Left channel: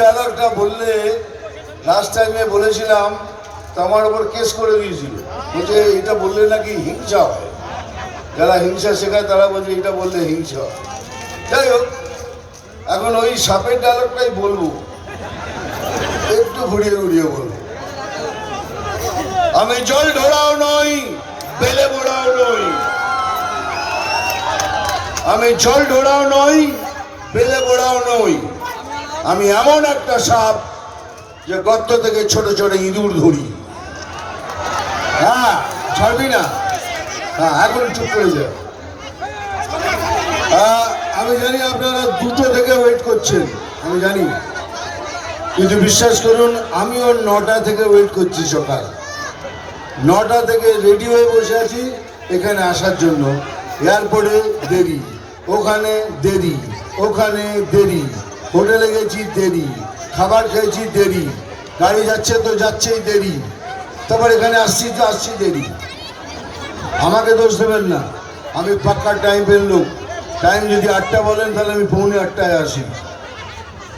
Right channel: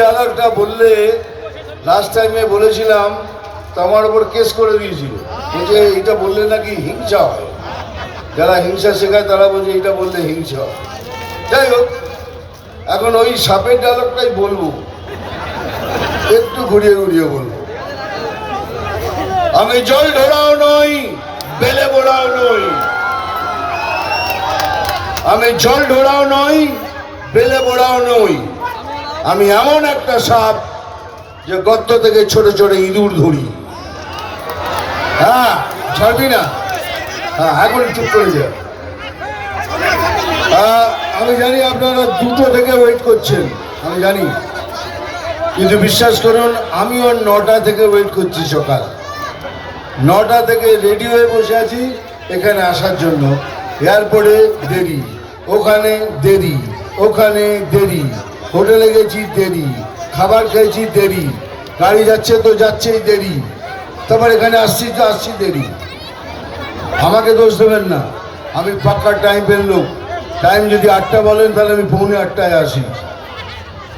ডায়লগটা বললে লাস্ট টাইমে বলেছিলাম, তো আমার ওপর কেস করে দিয়েছিল। বলছে এটা বললে নাকি হিংসা হয়? যারা হিংসা শেখায়, তারা বলছে এটা বললে হিংসা হয়। যাই হোক, এখন ওই সাপের ডায়লগটাই বলব। একটু ঘুরিয়ে ঘুরিয়ে বলব। আমি জল ধরাও নই, বেলে বোড়াও নই। আমি জল ঢোড়াও নই, বেলে বোড়াও নই। আমি এমন একটা সাপ যে গর্ত থেকে ছোট ছোট ইঁদুর ধরি। হ্যাঁ ছাড়বি না? হ্যাঁ এখন চুপ করে যা। আহ, আমি জানি আপনারা দুটো থেকে ওয়েট করছেন আমি জানি। কিন্তু বিশ্বাস করুন আমিও নটা থেকে ওয়েট করছি সকাল। নটা থেকে রেডি হয়ে বসে আছি এখানে আসার জন্য। এয়ারপোর্টে দেরি ওখানে দেরি ওখানে দেরি। হোটেলে গেছি দেরি, খাবার খেয়েছি দেরি, গাড়ি যাচ্ছে তো যাচ্ছেই দেরি তারপর এখানে আসছি তো আসছি দেরি। আমাকে দোষ দেবেন না, আমি পাক্কা টাইম লোক। টাইম যদি আটটা বলেন, তাহলে আমি পৌনে আটটায় আসি।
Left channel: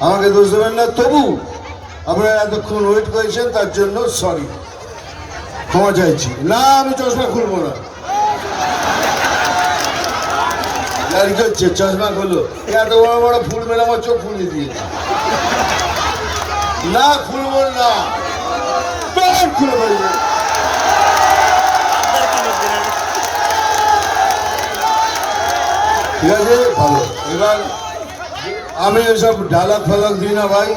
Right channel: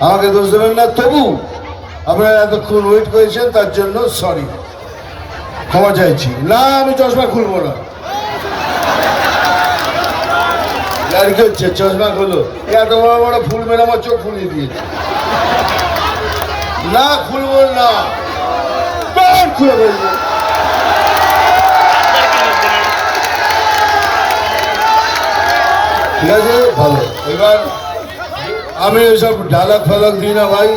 আমাকে দোষ দেবেন না, তবু আপনারা এতক্ষণ ওয়েট করেছেন, তার জন্য সরি ক্ষমা চাইছি। না, আমি চশমা খুলবো না। আর কি হচ্ছে? চশমা খুলো। এত বড় বড় ফুল মেরে আমার চোখ খুলে দিয়ে না খুলবো না। খুলে ভালো। এবার আমি এসব ডায়লগ ফালগ দিই না ভাই।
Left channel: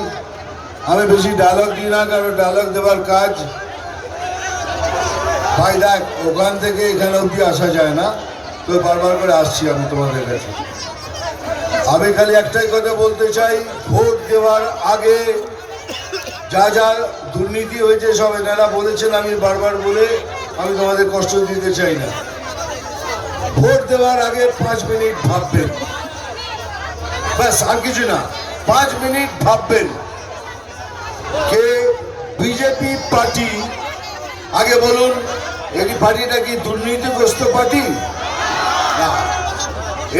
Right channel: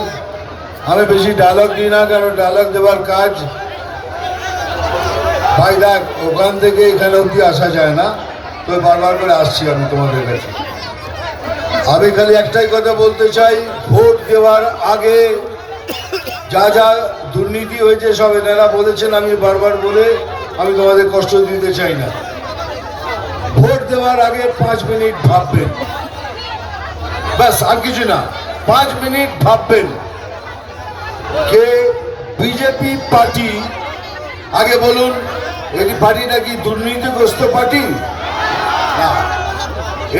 আমি বেশি ডায়লগ দিই না, কারণ ডায়লগ দেওয়ার কাজ ভাই দেখ, ওখান থেকে এখানে অব্দি আসা যায় না। তো বারবার করে আসছি আমি তোমাদের কাছে। আমি খালি একটাই কথা বলতে চাই, ভোট দেওয়ার আগে যা যা দুর্নীতি হয়েছে সব এনারা বলেছেন, আমি বারবার বলে আমি তোমাদের কষ্ট দিতে চাই না। ভোট দেওয়ার আগে পাঁচ মিনিট ভাববেন। ব্যাস, আর কিছু না, পাঁচ মিনিট ভাববেন কে বিজেপি পার্টি, আগে বলুন এই পার্টিটা কি দুর্নীতিগ্রস্ত পার্টি?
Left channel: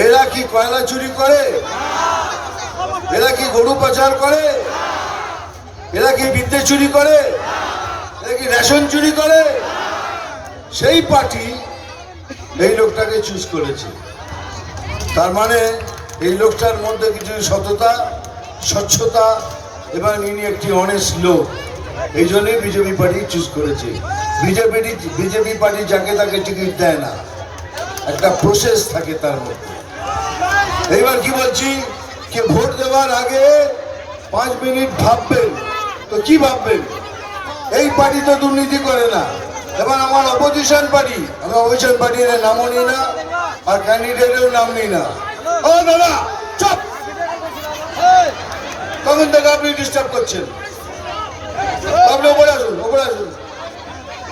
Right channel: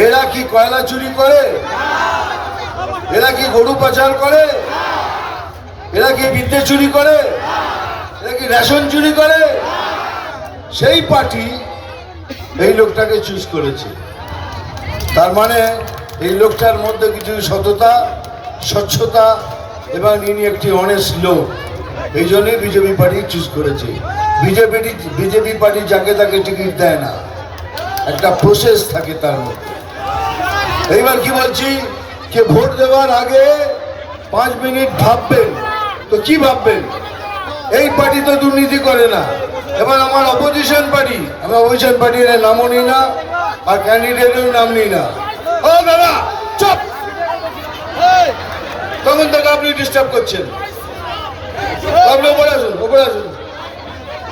এরা কি কয়লা চুরি করে? এরা কি গরু পাচার করে? এরা কি বিদ্যে চুরি করে? এরা কি রেশন চুরি করে? সেই পার্টি এই লোকটাকে চুজ করেছে। তার মানে এই লোকটার মধ্যে কিছু সততা, স্বচ্ছতা, এবং ইনি একটি অনেস্ট লোক। এই জন্যই বিজেপি পার্টি চুজ করেছে। বিজেপি বিজেপি পার্টি যাকে তাকে টিকিট দেয় না। একটা প্রসেস থাকে তার মধ্যে। এইবার কি বলছি? যে ভোট দেওয়ার আগে পাঁচ মিনিট ভাববেন। তো কি ভাববেন? এই পার্টি তো দুর্নীতি করে না। এবার আমার অপোজিশন পার্টি আমার অপোজিশন পার্টির নামও নিই না, আর ক্যান্ডিডেটের নাম নিই না। ও দাদা চপ! তখন থেকে আপনি ডিস্টার্ব করছেন। আপনি ওপরে আসুন ওপরে আসুন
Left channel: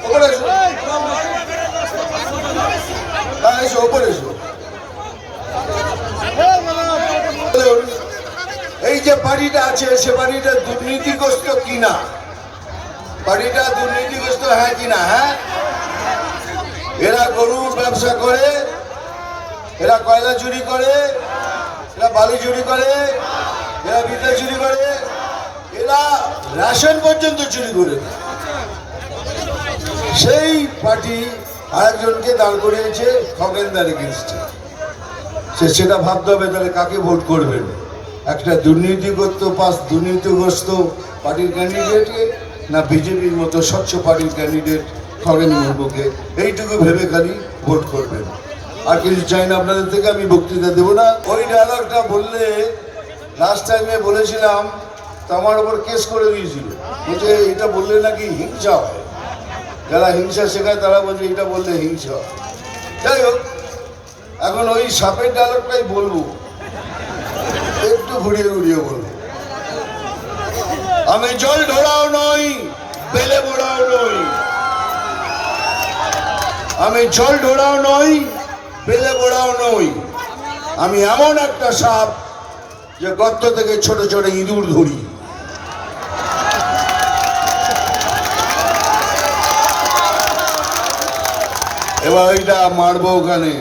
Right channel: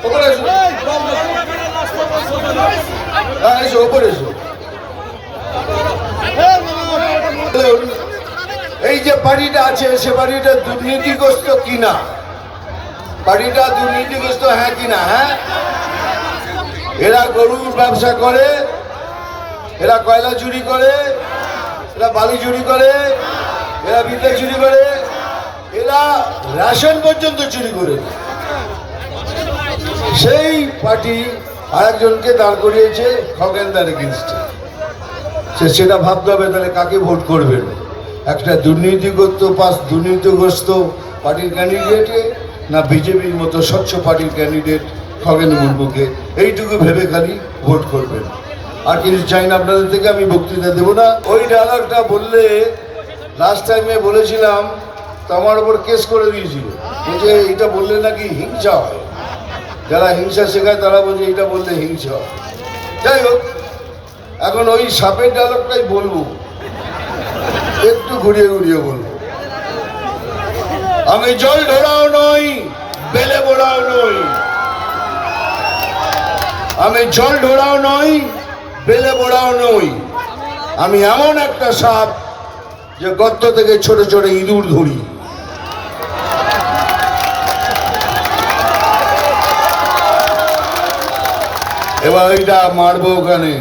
ওপরে আসুন। হ্যাঁ ওপরে এসো বলুন, এই যে বাড়িটা আছে, সে বাড়িটা দুর্নীতিগ্রস্ত কিনা? বাড়িটা দুর্নীতিগ্রস্ত হ্যাঁ কিনা হ্যাঁ? এরা গরুর ব্যবসা করে, এরা কয়লা চুরি করে, এরা বালি চুরি করে, এরা বিদ্যা চুরি করে, এরা রেশন পর্যন্ত চুরি করে। সেই পার্টি আরেকজনকে দাঁড় করিয়েছে, খগেনদার এগেনস্টে সেটা ভাবতে হবে, তাহলে কাকে ভোট করবেন? একটা দুর্নীতিগ্রস্ত পাস দুর্নীতিগ্রস্ত পার্টির ক্যান্ডিডেটে না বিজেপির মতো স্বচ্ছ পার্টির ক্যান্ডিডেট খগেন মুর্মুকে? এইটুকু ভেবে খালি ভোট করবেন। আর কিছু চাই না আপনাদের থেকে, আমি বক্তৃতা দেবো না। ওই ডায়লগটা বললে লাস্ট টাইমে বলেছিলাম, তো আমার ওপর কেস করে দিয়েছিল। বলছে এটা বললে নাকি হিংসা হয়? যারা হিংসা শেখায়, তারা বলছে এটা বললে হিংসা হয়। যাই হোক, এখন ওই সাপের ডায়লগটাই বলব। একটু ঘুরিয়ে ঘুরিয়ে বলব আমি জল ঢোড়াও নই, বেলে বোড়াও নই। আমি জল ঢোড়াও নই, বেলে বোড়াও নই। আমি এমন একটা সাপ যে গর্ত থেকে ছোট ছোট ইঁদুর ধরি। এবার ওইটা মারবো ওখানে।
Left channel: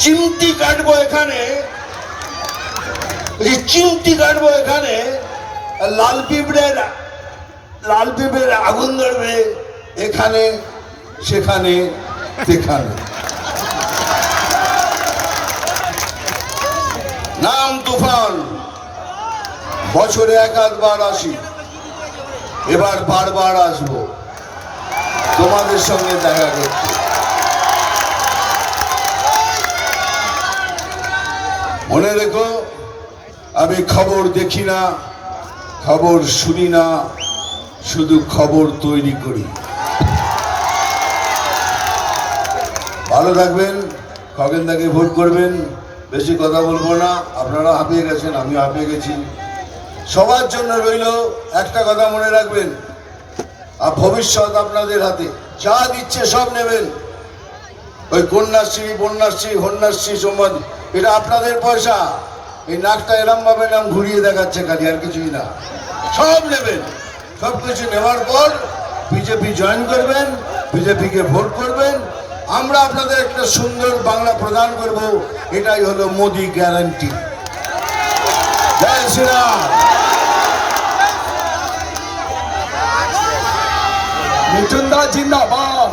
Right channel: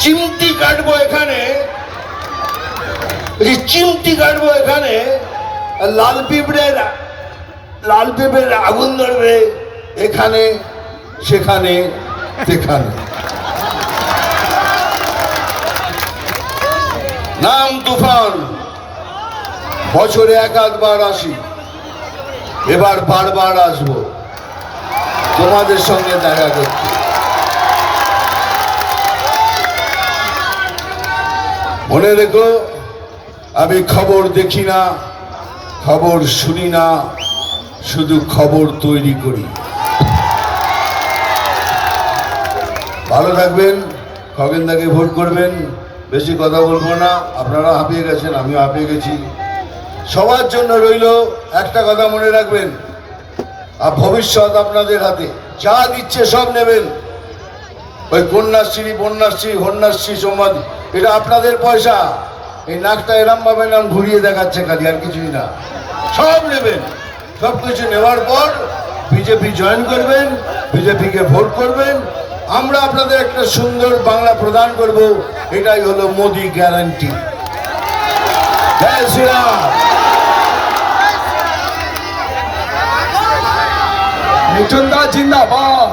চিমটি কাটবো এখানে। চিমটি কাটবো এখানে, লাল পিঁপড়ের লাল পিঁপড়ের আগুন ধরবে এখানে, সেখানে সেখানে। নাম তুফান, বছরে এক আধবার আসি। এবার বারবার আসব। তোমাদের সঙ্গে দেখা করতে মনে রেখো, আমি খবর দেখি না, খবর শুনি না, শুধু খবর তৈরি করি। ভালো থাকবেন, খগেনদাকে ভোট করবেন, বেশি কথা বলব না, আপনারা হাঁপিয়ে গেছেন, আমিও হাঁপিয়ে গেছি। সবার জন্য রইল একটা কথা মনে রাখবেন, আর ভবিষ্যৎ আপনাদের হাতে, যা দিচ্ছে সব নেবেন। ওই কন্যাশ্রী, বন্যাশ্রী হন্যাশ্রী সমাজ এটা আপনাদের পয়সা। এই নাকটা এরম ভাবে নাম ঘুরিয়ে দেখাচ্ছে খালি, আর কিছুই না। সব নেবেন। সব কিছু নেওয়ার পর বিজেপি জয়েন করবেন, বিজেপিকে ভোট করবেন। আমরা আপনাদের একটা সুন্দর বাংলা প্রদান করব। এটাই হলো মোদি গ্যারান্টি জয় শ্রীরাম। মিঠুনদা জিন্দাবাদ।